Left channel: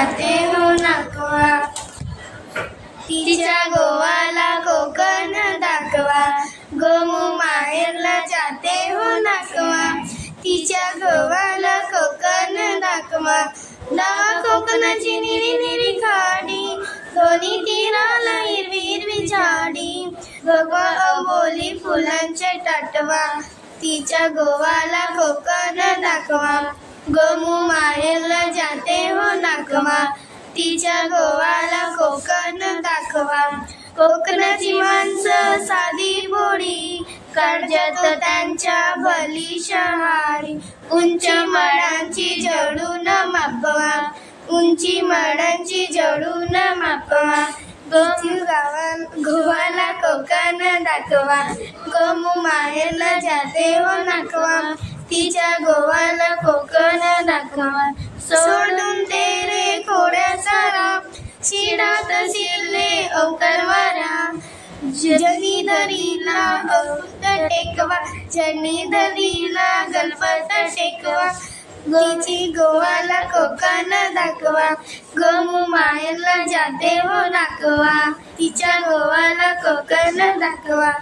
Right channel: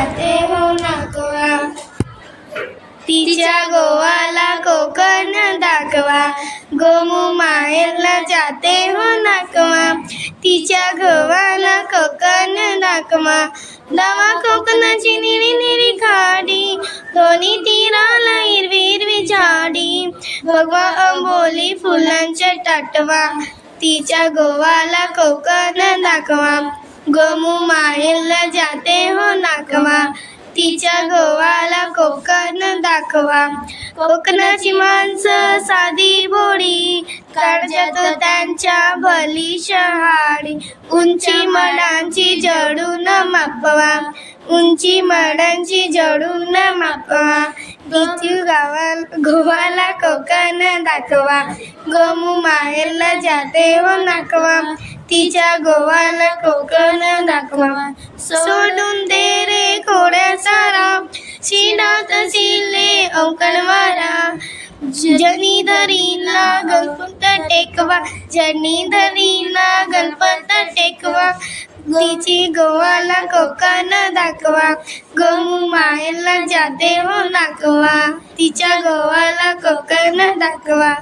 जाते हो नाकवा, तिच्या गोवाला कोकण दाखवा. गोमू माहेरला जाते हो नाकवा, तिच्या गोवाला कोकण दाखवा. दवा कोकणाची निरी निरी खाडी, दोन्ही तीराला हिरवी हिरवी झाडी. भगवा अंबोली फुलांच्या टाटवा, तिच्या गोवाला कोकण दाखवा. गोमू माहेरला जाते हो नाकवा, तिच्या गोवाला कोकण दाखवा. कोकणाची माणसं साधी भोळी, काळजात त्यांच्या भली शहाळी. उंची मनांची जडून मापवा, उंची मनांची जडून मापवा. गोवाला कोकण दाखवा. गोमू माहेरला जाते हो नाकवा, तिच्या गोवाला कोकण दाखवा. सोडून दे रे खोड्या सारा, शिनात शिले औकणवारा. जनीधरीला गणपत टेकवा, जनीधरीला गणपत टेकवा. तिची गोवाला कोकण दाखवा. गोमू माहेरला जाते हो नाकवा, तिच्या गोवाला कोकण दाखवा.